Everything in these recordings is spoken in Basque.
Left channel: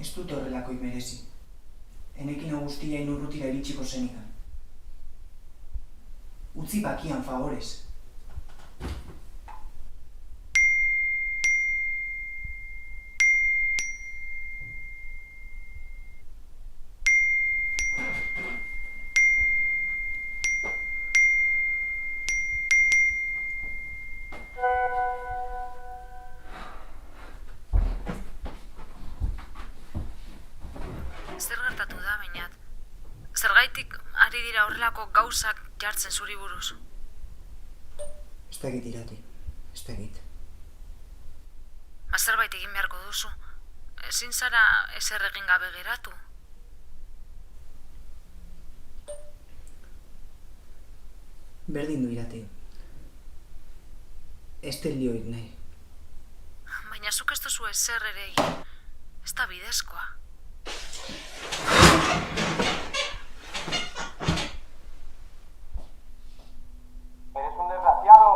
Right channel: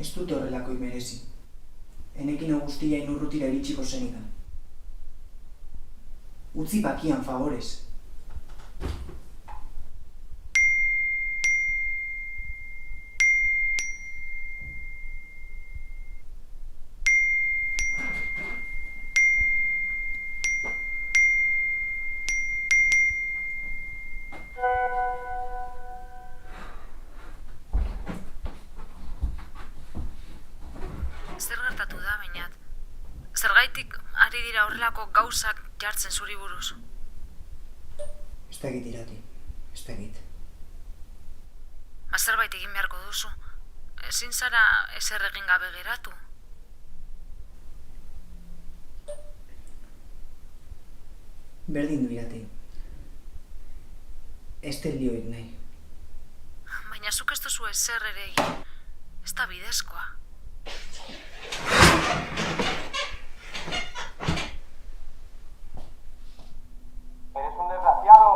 Ez dute horrelako merezi. Enekin guztia inurrutira iritsiko zenikan. Utzi bakian, favorez. Zer gertatu da, bainat? Zergaitik ari dira horrelako gauzak jartzen zuri buruz? Ez dakit Irati, ez dakit. Zerbait egin beharko duzu. Ezin zara ezer egin gabe geratu. Berdin du Irati. Ez lioik nahi. Baina zuk ez duzu ezer ere egin. Ez da bidezkoa. ¡Eres un desgraciado!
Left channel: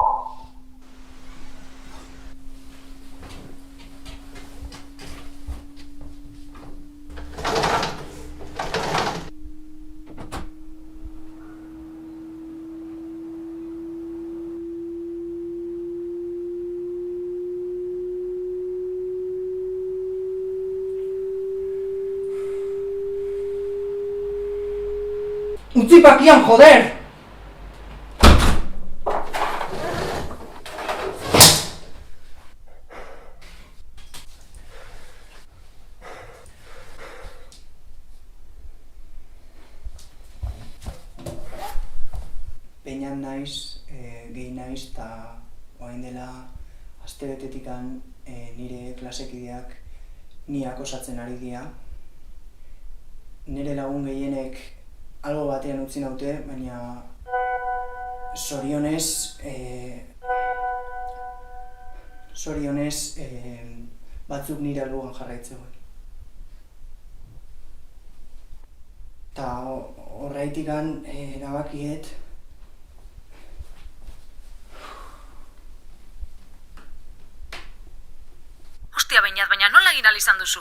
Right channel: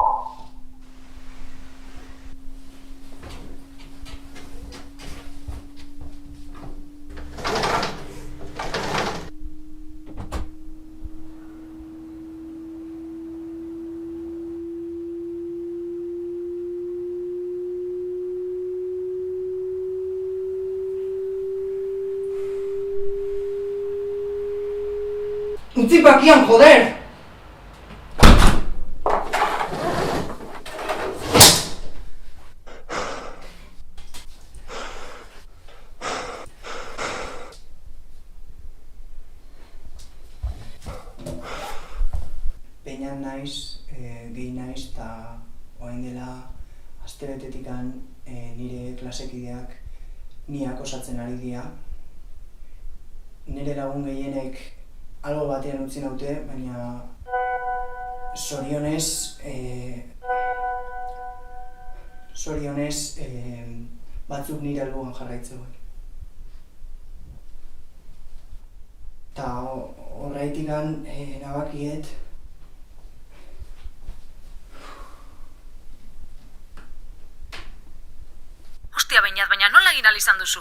Utzi bakian, joder! Peinan naiz, gehi naiz, eta orain dela astebetetikan nire klasekideak niak osatzen ari dira. Nire lagun gehienek albo batean utzi naute, baina zorionez batzuk nire alboan jarraitzegoen. Ta horreitikan erabakiet Hostia, baina nola egin ahal izan duzu?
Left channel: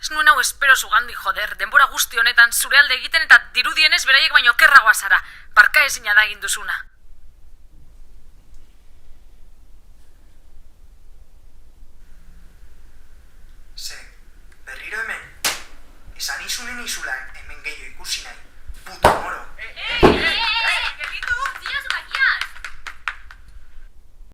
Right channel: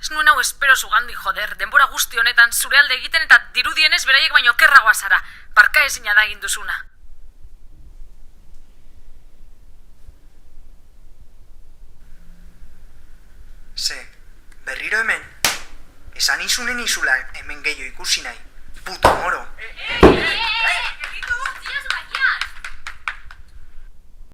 Ez nuen hau espero zugandi, joder, denbora guzti honetan zure alde egiten eta dirudienez beraiek baino okerragoa zara. Barka ezina da egin duzuna. Ze, berriro hemen? Esan izunen izula hemen gehiago ikusi nahi. Puto moro!